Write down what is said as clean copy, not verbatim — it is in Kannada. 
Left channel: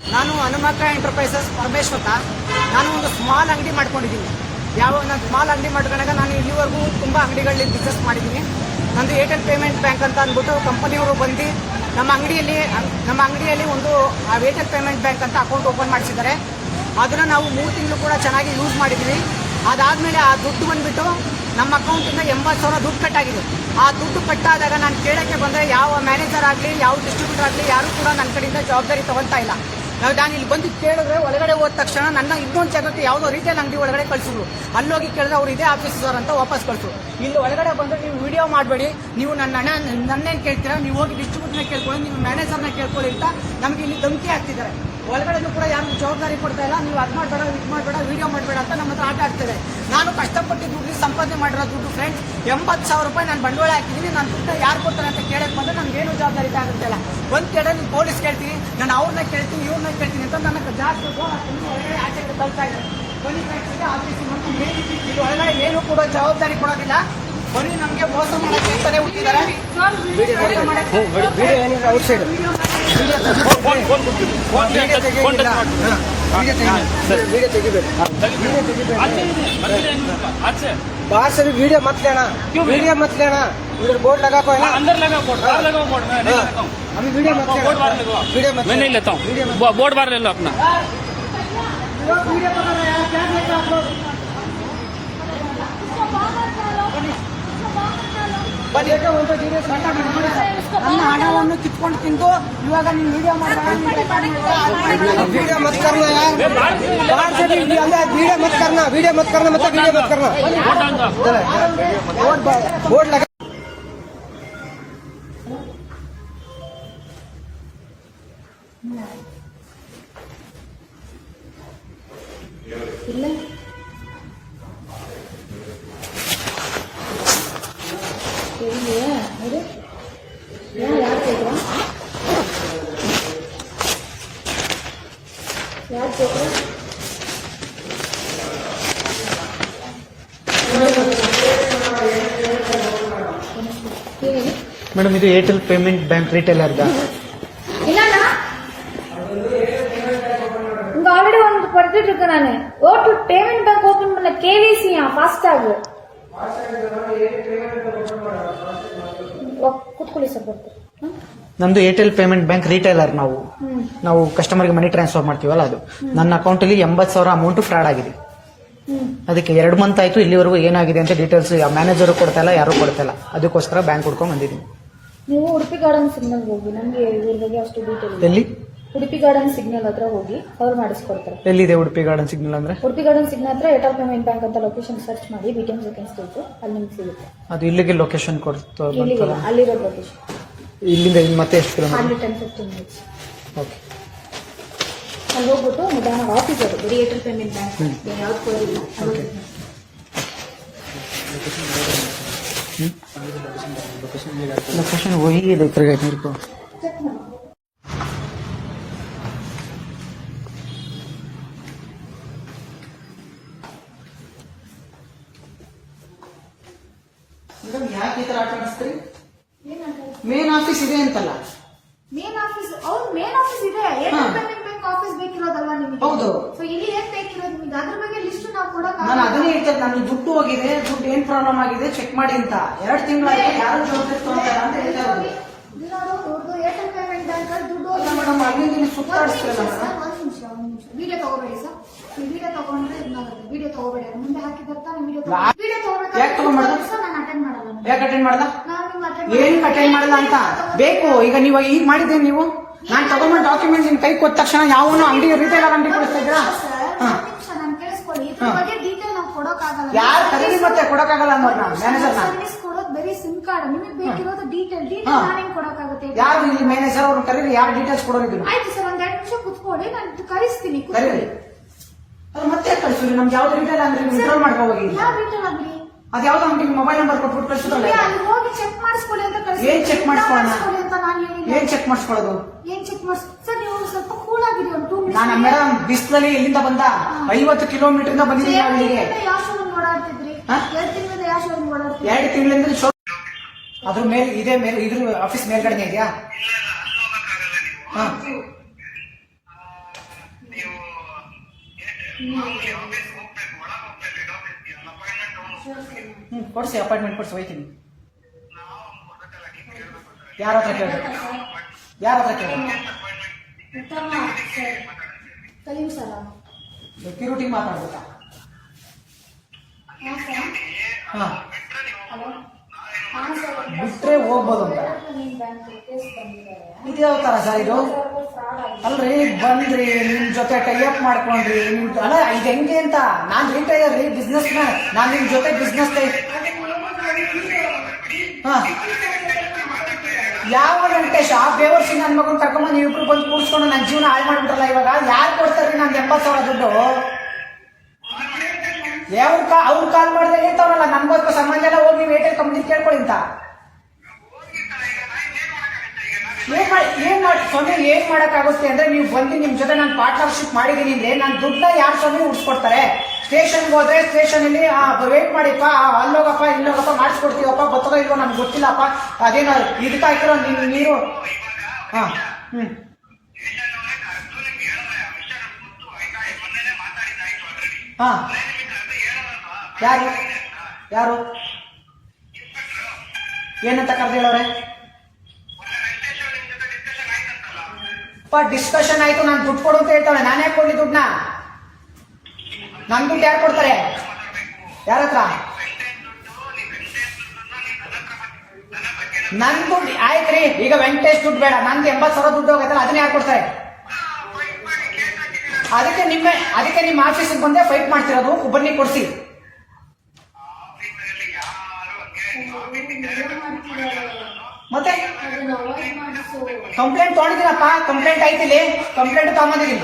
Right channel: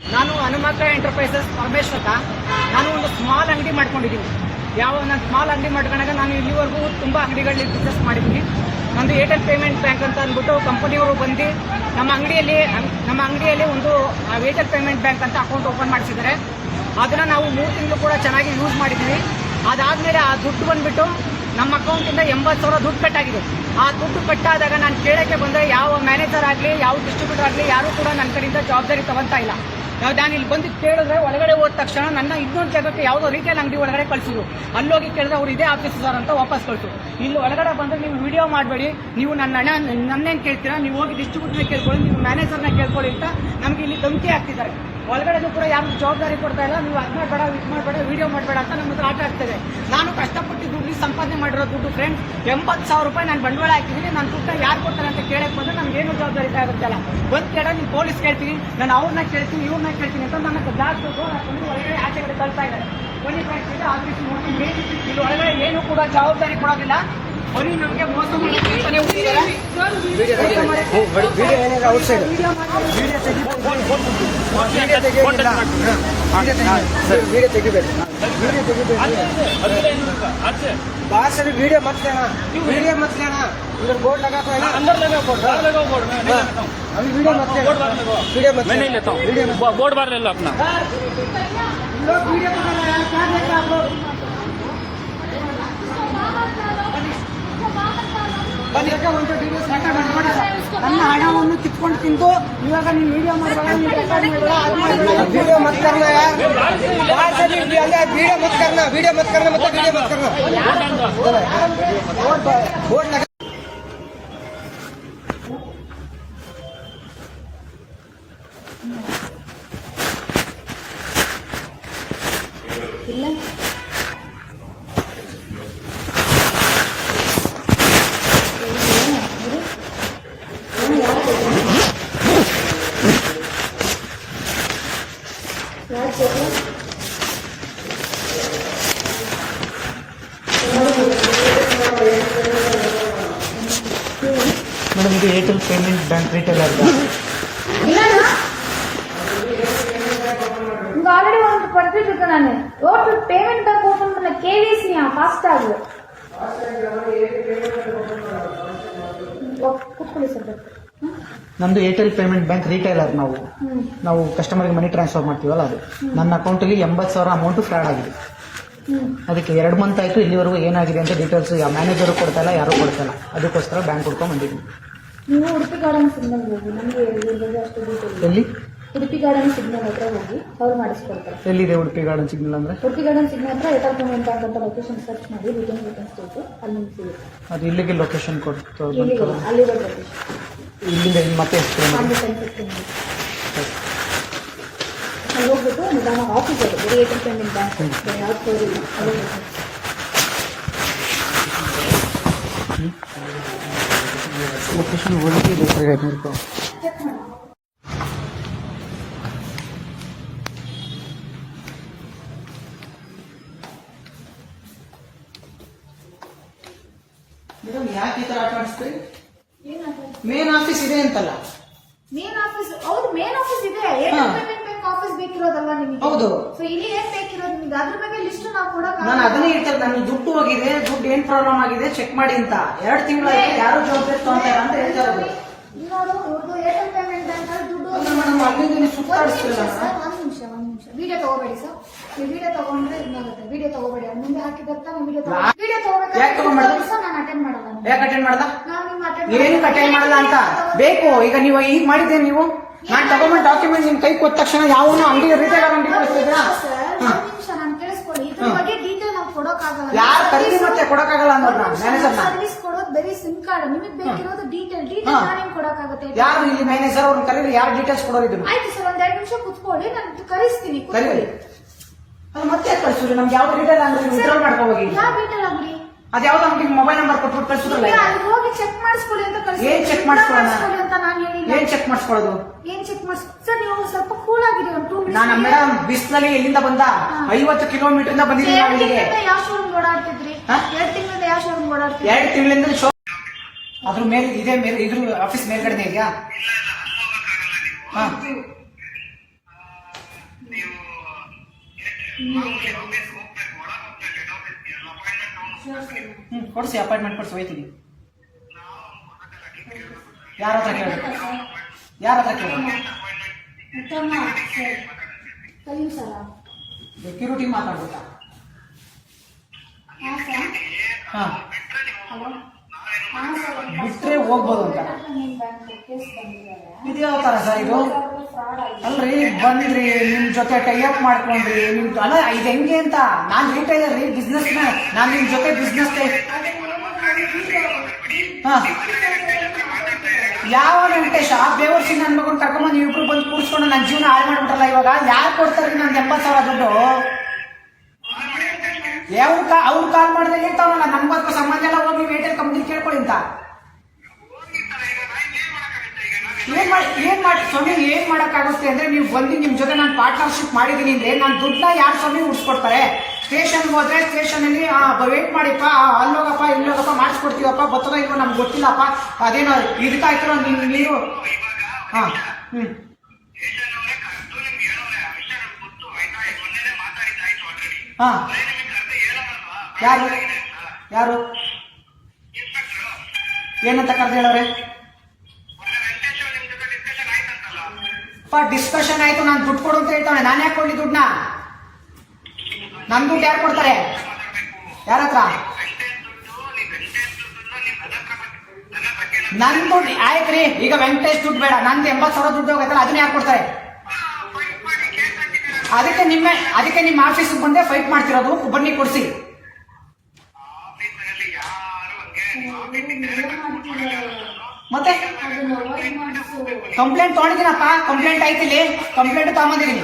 ನಾನು ಹನುಮಂತ ಎಂಟರ್ಪ್ರೈಸಸ್ ಪರಮೇಶ್ ಅಂತ. ನಾನು ಒಂದು ಸ್ಮಾಲ್ ಅಂಗಡಿ ಮಾಡ್ಕೊಂಡಿದ್ದೀನಿ. ನಾನು ಸ್ಮಾಲ್ ಅಂಗಡಿ ಮಾಡ್ಕೊಂಡಾಗ ನಾನು ಇಲ್ಲಿವರೆಗೂ ತುಂಬ ಅಂಗಡಿಗಳಲ್ಲಿ ಬಿಸ್ನೆಸ್ ಮಾಡಿದ್ದೀನಿ. ನಂದು ಏರ್ಟೆಲ್ ಪೇಮೆಂಟ್ ಬ್ಯಾಂಕ್ ಅಂತ ಅಂದ್ಬಿಟ್ಟು ಕಂಪನಿಯವರು ಬಂದು ನಮ್ಮ ಅಂಗಡಿಯಲ್ಲಿ ಒಂದು ಏರ್ಟೆಲ್ ಪೇಮೆಂಟ್ ಬ್ಯಾಂಕ್ ಅಂತ ಅಕೌಂಟ್ ಓಪನ್ ಮಾಡಿಸಿದ್ದಾರೆ. ಅದನ್ನು ನಾವು 3 ತಿಂಗಳು ಕೂಡ ಚೆನ್ನಾಗಿ ಯೂಸ್ ಮಾಡಿದ್ದೀವಿ. ಅದಾದಮೇಲೆ ಆ ದುಡ್ಡು ಬಂದುಬಿಟ್ಟು ನಮ್ಮ ಅಕೌಂಟಿಂದ 80,000 ದುಡ್ಡು ಕಟ್ಟಾಗಿದೆ. ಆ ದುಡ್ಡು ಕಟ್ಟಾದಾಗ ನಾನು ಕೇಳೋಕ್ಕೆ ಬಂದರೆ ಯಾವ ಮ್ಯಾನೇಜರ್ ಆಗಲಿ ಯಾವ ಡಿಸ್ಟ್ರಿಬ್ಯೂಟರ್ ಆಗಲಿ ಯಾರೂ ಕೂಡ ನನ್ನ ಕಡೆಯಿಂದ ಜವಾಬ್ದಾರಿ ತಗೊಳ್ತಾ ಇಲ್ಲ. ನಾನು ಇಲ್ಲಿ ಬಂದು ಕೇಳಿದ್ರೆ ಒಳಗಡೆ ಹೋದ ತಕ್ಷಣ ನನ್ನ ಇನ್ನೊಂದು ಜಾಗಕ್ಕೆ ಯಾವುದೋ ರಿಟೇಲ್ ಅಂಗಡಿ ಒಳಗಡೆ ಕಳಿಸಿದ್ರು. ಅಲ್ಲೋಗಿ ಕೇಳಿದ್ರೆ ಅವ್ರು ಇದೇ ಆಫೀಸ್ ಸರ್ ಅಂತ ವಾಪಸ್ ಕಳಿಸು. ಇಲ್ಲಿ ಒಳಗಡೆ ಬಂದರೆ ನೀವು ವಿಡಿಯೋ ಮಾಡಬೇಡಿ, ನೀವು ನನ್ನೇನು ಕೇಳ್ತೀರಾ, ನೀವು ಹೋಗಿ ಡಿಸ್ಟ್ರಿಬ್ಯೂಟರ್ನ ಕೇಳ್ಕೊಳ್ಳಿ, ನೀವು ಮ್ಯಾನೇಜರ್ನ ಕೇಳ್ಕೊಳ್ಳಿ ಅಂತ ನಮಗೆ ಇಲ್ಲಿ ಧಮಕಿ ಆಗ್ತಿದ್ದಾರೆ. ಒಳಗಡೆನೂ ಕೂಡ ಯಾರು ಜವಾಬ್ದಾರಿ ಕೊಡ್ತಾ ಇಲ್ಲ. ನೀವು ಅದು ಮಾಡಬೇಡ, ಇದು ಮಾಡಬೇಡ, ವಿಡಿಯೋ ಮಾಡಬೇಡ ಅಂತ ನಮ್ಮ ಹತ್ರ ಆಟ ಆಡ್ತದೆ. ನಾನು ಕಷ್ಟಪಟ್ಟು ದುಡ್ಡು ಸಂಪಾದನೆ ಮಾಡಿರೋ ದುಡ್ಡು ಫ್ರೆಂಡ್ಸ್ 80,000 ರೂಪಾಯಿ ನಾನು ಬಂಡವಾಳ ಹಾಕಿದ್ದೀನಿ. ನಾನು ದುಡ್ಡು ಯಾರು ಕೊಡ್ತಾರೆ ಅಂತ ಕೇಳಕ್ಕೆ ಬಂದರೆ ನನಗೇನು ಜವಾಬ್ದಾರಿ ಆಗುತ್ತಲ್ಲ. ಒಂದು ಕಡೆ ನೀವು ಪೊಲೀಸ್ ಕೇಳ್ತೀನಿ, ನಾನು ಅವ್ರನ್ನ ಕೇಳ್ತೀನಿ, ಇವ್ರನ್ನ ಕೇಳ್ತೀನಿ ಅಂತ ನನಗೆ ಜಾಸ್ತಿ ಒಳಗಡೆ ಆಚೆಗಡೆ ತಳ್ತಾ ಇದ್ದಾರೆ. ಬನ್ನಿ ಫ್ರೆಂಡ್ಸ್, ಇದೆ ಆಫೀಸ್ ನೋಡ್ತೀನಿ. ಇಲ್ಲಿ ಒಳಗಡೆ ಏನು ಕೂಡ ಜವಾಬ್ದಾರಿ ಕೊಡೋದಿಲ್ಲ. ಬನ್ನಿ, ನಮಗೆ ಮೋಸ ಮಾಡ್ತಾನೆ ಹುಟ್ಟಿದ್ದಾರೆ. बाहर वीडियो मत लेना, वीडियो मत लेना, उधर बोर्ड लगा को अंदर लगा बोर्ड, अभी वीडियो मत लेना, वीडियो मत, मैं नहीं लेता हूँ, बोर्ड बाहर ले लो अपना। वीडियो पकड़ रहे हैं, क्या देख रहे आप लोग? ನನ್ನ ಹಣವನ್ನು ಕಿತ್ಕೊಂಡು ತಿಂದು ಇವಾಗ ನೀವು ವಿಡಿಯೋ वीडियो मत करना यार, वीडियो मत करना, वीडियो मत करना, मतलब वीडियो मत करना, बोर्ड लगा ಇಲ್ಲ ಮೇಡಮ್, ಇದು Airtel payment bank retailer already ஒன்று படுத்துட்டு இருக்கேன். நான் ஓட்டு பேமெண்ட் பேங்க் ஓபன் பண்ண கேவிசி ஃபாஸ்டாக ಕೂತ್ಕೊಳ್ಳಿ ಸರ್. ನಮ್ದು ಏರ್ಟೆಲ್ ಪೇಮೆಂಟ್ ಬ್ಯಾಂಕ್ ರಿಟೇಲರ್. ನಾವು ಕಸ್ಟಮರ್ಗೆ ಮನಿ ಟ್ರಾನ್ಸ್ಫರ್ ಮಾಡ್ತೀವಲ್ಲ, ಅದು ನನ್ನ ಅಕೌಂಟಲ್ಲಿ 80,000 ಅಮೌಂಟ್ ಫ್ರಾಡ್ ಆಗಿದೆ. ಅದಕ್ಕೆ 2 ಮಂತ್ ಆಯ್ತು. ಇಲ್ಲಿವರೆಗೂ ಏನಾಗಿದೆ ಅಂತ ಡೀಟೇಲ್ಸ್ ಮ್ಯಾನೇಜರು ಕೊಡ್ತಾ ಇಲ್ಲ, ಯಾರು ಕೊಡ್ತಾ ಇಲ್ಲ. ಅದಕ್ಕೋಸ್ಕರ ಬ್ಯಾಂಕ್ ಹುಡ್ಕೊಂಡು ಬಂದಿದ್ದೀನಿ. ನೀವು ಉಡುಪಿ ಗಾರ್ಡನ್ ಸಿಗ್ನಲ್ ಹೋಗಿ, ನಮಗೆ ಇದ್ರ ಬಗ್ಗೆ ಅಷ್ಟು ಡೀಟೇಲ್. ಎಲ್ಲಿ? ಉಡುಪಿ ಗಾರ್ಡನ್ ಸಿಗ್ನಲ್ ಹತ್ರ ಹೋಗಿ ಅವ್ರು ಮಾಡಿಸ್ಕೊಡ್ತಾರೆ. ಎಲ್ಲಿದೆ ಉಡುಪಿ ಗಾರ್ಡನ್ ಸಿಗ್ನಲ್ ಅಂದ್ರೆ? ಉಡುಪಿ ಗಾರ್ಡನ್ ಸಿಗ್ನಲ್ ಹತ್ರ ಏರ್ಟೆಲ್ ಪೇಮೆಂಟ್ ಬ್ಯಾಂಕ್ ಅಂತ ಲೊಕೇಶನ್ ಸರ್ಚ್ ಮಾಡಿ ವೇಕೆನ್ಸಿ ಸಿಗುತ್ತೆ, ಅಲ್ಲಿ ನಿಮ್ಗೆ ಸಿಗುತ್ತೆ. ಅದು ಇಲ್ಲಿಗೆ ಲೊಕೇಶನ್ ಕೊಡ್ತಾರೆ? ಇಲ್ಲಿಗೆಲ್ಲ ಅಲ್ಲಿರೋ ಲೊಕೇಶನ್. ಇಲ್ಲಿಂದ ಮತ್ತೆ ಎಷ್ಟು? ಅಲ್ಲಿ 10-15 ಮಿನಿಟ್ಸ್ ಅಲ್ಲಿ ಹೋಗ್ಬಿಟ್ಟು ನಿಧಾನ ಆಫೀಸ್ ಅದು ಬರೀ ಏರ್ಟೆಲ್ ಪೇಮೆಂಟ್ ಬ್ಯಾಂಕ್ ಯಾವ್ದು ಕೊಡೋದಿಲ್ಲ. ಲೊಕೇಶನ್ ಹೋಗಿ ಚೆಕ್ ಮಾಡಿ. ಯಾಕೆ ಈ ತರ ಆಟ ಮಾಡಿಸ್ತೀರಿ? ಮೇನ್ ಆಫೀಸ್ ಇದೆ ಅಂತಲ್ಲ? ಮೇನ್ ಆಫೀಸ್ ಹೌದು, ಮೇನ್ ಆಫೀಸ್ ಇದೆ. ಏರ್ಟೆಲ್ ಪೇಮೆಂಟ್ ಬ್ಯಾಂಕ್ ಆಫೀಸ್ ಬೇಕಿರೋದಲ್ವಾ ನಿಮಗೆ? ಹೌದು. ಸೊ ಇಲ್ಲಿ ಏನ್ ಬೇಕಿರೋದು ನಿಮ್ಗೆ, ಅದ್ರ ಬಗ್ಗೆ ಲಿಸ್ಟ್ ನಾವು ಕೊಡೋಕೆ. ನಾನು ಅದನ್ನೇ ಹೇಳ್ತಾರೆ, ನನಗೆ ದುಡ್ಡು ಹೋಗಿದೆ, ದುಡ್ಡು ಏನ್ ಪ್ರಾಬ್ಲಮ್ ಆಗಿದೆ ಚೆಕ್ ಮಾಡಿ ಅಂತ. 2 ತಿಂಗಳಾಯ್ತು, ಯಾರು ಜವಾಬ್ದಾರಿ ತಗೊಂತಾರ ಅಂತ ಹೇಳ್ತಾರೆ. ಏರ್ಟೆಲ್ ಪೇಮೆಂಟ್ ಬ್ಯಾಂಕ್ ಅಲ್ಲಿ ದುಡ್ಡು ಮೇಡಮ್, ಅಲ್ಲಿಂದ ಸುತ್ತಾಡಿಸ್ತೀವಿ. ಒಂದ್ ನಿಮಿಷ ವಿಡಿಯೋ ತಗೋಬೇಡಿ ಸರ್. ನೀವು ವಿಡಿಯೋ ತಗೊಂಡ್ರೆ ಇದಾಗುತ್ತೆ. ವಿಡಿಯೋ ತಗೋಬೇಡಿ, ಮುಂದೆ ಹಾಕಿದತ್ತ ವಿಡಿಯೋ ತಗೋಬೇಕು. ಯಾಕೆ ತಗೊಂಡ್ಬಾರ್ದು? ನಾನು ಅಟೆಂಡ್ ಮಾಡಲ್ಲ. ಯಾಕೆ ಅಟೆಂಡ್ ಮಾಡಲ್ಲ? ನಾನು ಏನು ಅಟೆಂಡ್ ಮಾಡಲ್ಲ ಅಂತ ಬೇಕು. ಈಗ ನೀವು ಈಗ ಮಾಡಿದ್ದೆ, ನೀವು ನಾನು ತಗೊಂಡ್ ಡಾಕ್ಯುಮೆಂಟ್ ನಿಮ್ ಕೈ ಕೊಟ್ಟ ತಕ್ಷಣ ಯಾವ ಅಂಗಡಿ ರಿಟೇಲ್ ಅಂಗಡಿ ಕಳಿಸ್ತಿದ್ರಾ? ನಾನು ಕೇಳಿಸ್ಕೊಳ್ಳಿ, ಇದ್ರ ಬಗ್ಗೆ ಡೀಟೇಲ್ ನಾವು ಕೊಡೋಕ್ಕಾಗಲ್ಲ. ಯಾರು ಕರೀರಿ ಮತ್ತೆ ಕೊಡೋಕ್ಕಾಗಲ್ಲ ಅನ್ನೋದು ಮ್ಯಾನೇಜರ್ ಸರ್ವಿಸ್ ಕೊಡೋದು ಬರೀ ಸಿಮ್ ಕಾರ್ಡ್. ನಿಮಗೆ ಬೇಕಿರೋದು ಡೀಟೇಲ್ ನಾನು ಹೆಂಗ್ ಕೊಡೋಕ್ಕಾಗುತ್ತೆ? ಯಾರು ಇಲ್ಲಿ ಮ್ಯಾನೇಜರ್ ಅವ್ರನ್ನ ಕರೀರಿ, ಯಾರು ಡೀಟೇಲ್ಸ್ ಕೊಡೋದು? ಆಯ್ತು ಸರ್, ಒಂದ್ 2 ನಿಮಿಷ ಕುತ್ಕೊಳ್ಳಿ, ನಾನು ಕರಿಸ್ತೀನಿ. ಕರೀರಿ. ಅದು ಮತ್ತೆ ಕಳಿಸ್ತೀವಿ. ನಮ್ಗೆ ಯಾವ್ದು ರಿಟೇಲ್ ಅಂಗಡಿ ವಿಡ್ರಾಲ್ ಮಾಡ್ಕೋಗಿ. ಯಾವ ಡೀಟೇಲ್ ಅಂಗಡಿ? ಅದ್ಯಾವ್ದು ಅಂಗಡಿ ಮೊಬೈಲ್ ನಂಬರ್ ಕೊಟ್ಬಿಟ್ಟು ಕಳ್ಸಿದ್ರಲ್ಲ, ಅಲ್ಲಿ ಹೋಗಿ ಚೆಕ್ ಮಾಡಿಸ್ಕೊಳ್ಳಿ ಅಂತ ಕಳಿಸಿ. ಏನ್ ಚೆಕ್ ಮಾಡಿಸ್ಕೊಳ್ಳೋಣ ಅಂತ ನಾನು ಹೇಳಿಲ್ಲ. ಏನ್ ಚೆಕ್ ಮಾಡಿಸ್ಕೊಳ್ಳೋದು? ಏನ್ ಚೆಕ್ ಮಾಡಿಸ್ ಸರ್, ನೀವು ಸ್ವಲ್ಪ ಕೂಲ್ ಆಗಿದೆ. ಒಂದು 2 ಮಿನಿಟ್ಸ್. ನಾನು ಮೇಡಮ್ ಬಿಸ್ಲಲ್ಲಿ ಎಲ್ಲಿಂದ ಬಂದ 50 ಕಿಲೋಮೀಟರ್ ಇಂದ ಬಂದಿದ್ದೀನಿ ನಾನು ಇಲ್ಲಿಗೆ. ಯಾವ ಶೋರೂಮ್ ಓಡಾಡ್ತಿದ್ರಿ? 2 ತಿಂಗಳಿಂದ ಯಾವ ಶೋರೂಮ್ ಓಡಾಡ್ತಿದ್ರಿ? 2 ತಿಂಗಳಿಂದ ಅದ್ರ ಮೇಲೆ ಇದೆ, ಮೇಲೆ ಇದ್ರ ಆಫೀಸ್ ಮೇಲ್ಗಡೆ ಇದೆಯಾ? ಕೊಡಿಸಿ ಅಪಾಯಿಂಟ್ಮೆಂಟ್ ಕೊಡಿಸಿ ಹೋಯ್ತೀನಿ. ಯಾರ ಹತ್ರ ಕೇಳಿ, ಯಾರ ಹತ್ರ ಕೇಳಿ? ಕಲೀಂ ಸರ ಸೆಕ್ಯೂರಿಟಿ ಮಾತಾಡ್ಬೇಕಾ? ಹಾಂ ಸರ್. ಹಾಂ, ಹಲೋ ಹಾಂ ಸರ್. ಬಿಟ್ರೆ ಹೋಗ್ಬೋದು ಅಂತ. ನಿಮ್ಮ ಬ್ಯಾಂಕ್ ಕೇಸ್ ಬಂದಿದ್ದಾರೆ. ಇದು ಯಾವ ಥರ ಸರ್ ಇದು? ಫ್ರಾಡ್ ಆಗಿದೆ. ಅಲ್ರಿ ಬಂದ್ರಿ ನಿಮ್ ಜೊತೆ ಟೈಅಪ್ ಮಾಡ್ಕೊಂಡ್ರಿ, ನಿಮ್ ಅಲ್ಲ ಇದು ಹೆಂಗೆ ಅಂತ. ನಾನ್ ರಿಟೈಲರ್ ರೀ, ಬಿಸ್ನೆಸ್ ಮ್ಯಾನ್. ನಾನ್ ನಿಮ್ ಜೊತೆ ಬಿಸ್ನೆಸ್ ಯಾವ ವೆಂಕಟೇಶ್ ಆ ಬೇವರ್ಸಿ ನನ್ನ ಮಗನ್ ಕರ್ಕೊಂಡ್ ನೀವು ಇಬ್ರು ಬಂದು ಕೂರ್ಸ್ಕೊಂಡು ನನ್ನ ಜೀವನ ಹಾಳು ಮಾಡ್ಬಿಟ್ರಲ್ಲ. ಇವಾಗ ಯಾರು ಕೊಡ್ತಾರ್ರಿ ನನ್ಗೆ 80,000 ದುಡ್ಡು? ಅವ್ರು ಕಾಲ್ ಮಾಡಿದ್ರೆ ಹೇಳ್ತಾವನಲ್ಲ ನನ್ಗೋಸ್ಕರ ಸಂಬಂಧ ಎಲ್ಲ ಹೋಗಿ ನೀವು ಏರ್ಟೆಲ್ ಕಂಪ್ನಿ ಕೇಳ್ಕೊಳ್ಳಿ ಅಂತ. ಏನ್ ಮಾಡಿ ಸ್ವಾಮಿ, ಏನ್ ಮಾಡಕ್ಕಾಗುತ್ತೆ ಅಂದ್ರೆ ನೀವು ಬಂದು ನಿಮ್ ಜೊತೆ ನಾನು ಪಾರ್ಟ್ನರ್ಶಿಪ್ ಮಾಡಿದೀನಿ ಅಂದ್ರೆ ನಾನು ದುಡ್ಡನ್ನ ಯಾರು ಸ್ವಾಮಿ ಉಡ್ಸ್ಕೊಡ್ತಾರೆ? ಸ್ಟೇಷನ್ಗೆ ಹೋದ್ರೆ ಸ್ಟೇಷನ್ ಅಲ್ಲಿ ವೇಟ್ ಮಾಡಿಪ್ಪ, ಅಲ್ಲೋಗಪ್ಪ ಇಲ್ಲೋಗಪ್ಪ ಮಾಡಿಸ್ಕೊಡ್ತೀವಪ್ಪ, ಗೊತ್ತೋ ಇಲ್ವೋ ನಮ್ಗೆ ಗೊತ್ತಿಲ್ಲಪ್ಪ, ಅದೇನೋ ಇದಕ್ಕೆ ಹಾಕಿರೋ ನೀರು. ಹಾ ಹ್ಮ್ ಹಾ ಯಾರು ಯಾರು ಏನಂತ ಕರೆದು ಹೇಳೋರೆ? ಡಿಸ್ಕಷನ್ ಆಯ್ತು, ನಾನು ದುಡ್ಡು ಕೊಡು ಅಂತ ಹೇಳ್ತಾವೆ. ನಾನು ಯಾಕೆ ಕೊಡ್ಲಿ ದುಡ್ಡನ್ನ? ನನ್ ದುಡ್ಡು ಯಾರು ಕೊಡ್ತಾರೆ? ಯಾರ ಹತ್ರ? ನನ್ ದುಡ್ಡು ಆಯ್ತ್ರಿ. ಈಗ ವೆಂಕಟೇಶ್ ದುಡ್ಡು ಬೇಡ, ನಂದು 80,000 ದುಡ್ಡು ಹೋಗತ್ತಲ್ಲ, ಅದನ್ನ ಯಾರು ಕೊಡ್ತಾರೆ? ಅದಕ್ಕೆ ನಿಮ್ಮ ಆಫೀಸ್ಗೆ ಬಂದೆ ಫೈಟ್ ಮಾಡ್ತಿರೋದು. ಬನ್ನಿ ಕೊಡ್ಸಿ. ಮತ್ತೆ ಕಂಪ್ಲೇಂಟ್ ತೊಗೊಂಡಿದ್ದೀನಪ್ಪ, ಕಂಪ್ಲೇಂಟ್ ಐತಿಲ್ಲಿ, ಕಂಪ್ಲೇಂಟ್ ತಗೊಂಡಿದ್ದೀನಿ.